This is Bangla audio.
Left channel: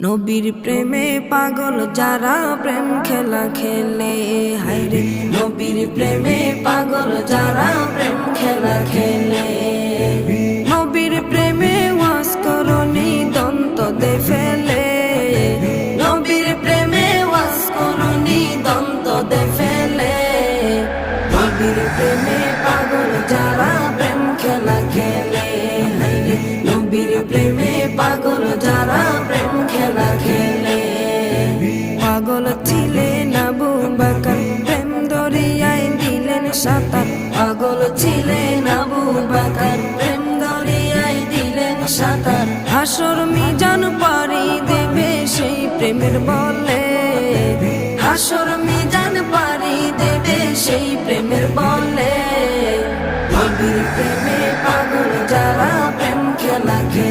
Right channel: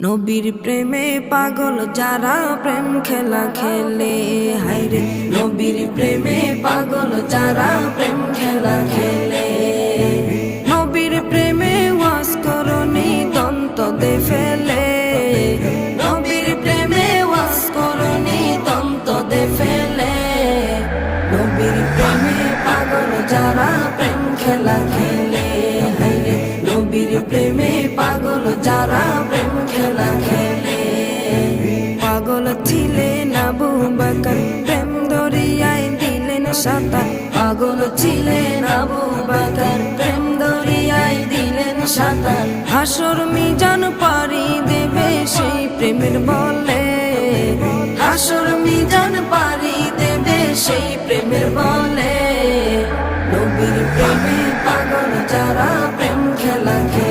নবীর প্রেমে পাগল যারা প্রেম খেলা খেলে, হায়রে নবীর প্রেমে পাগল যারা প্রেম খেলা খেলে। নবীর প্রেমে ওয়াজ করনি দন্ত দে ফেলে, নবীর প্রেমে ওয়াজ করনি দন্ত দে ফেলে। নবীর প্রেমে পাগল যারা প্রেম খেলা খেলে, হায়রে নবীর প্রেমে পাগল যারা প্রেম খেলা খেলে। পাগল ছিলেন আবু বকর, প্রেম দরিয়ায় দিলেন সাঁতার। পাগল ছিলেন আবু বকর, প্রেম দরিয়ায় দিলেন সাঁতার। হাসর মিজান পারি দেবে সেই প্রেমের বলে, হাসর মিজান পারি দেবে সেই প্রেমের বলে। নবীর প্রেমে পাগল যারা প্রেম খেলা খেলে।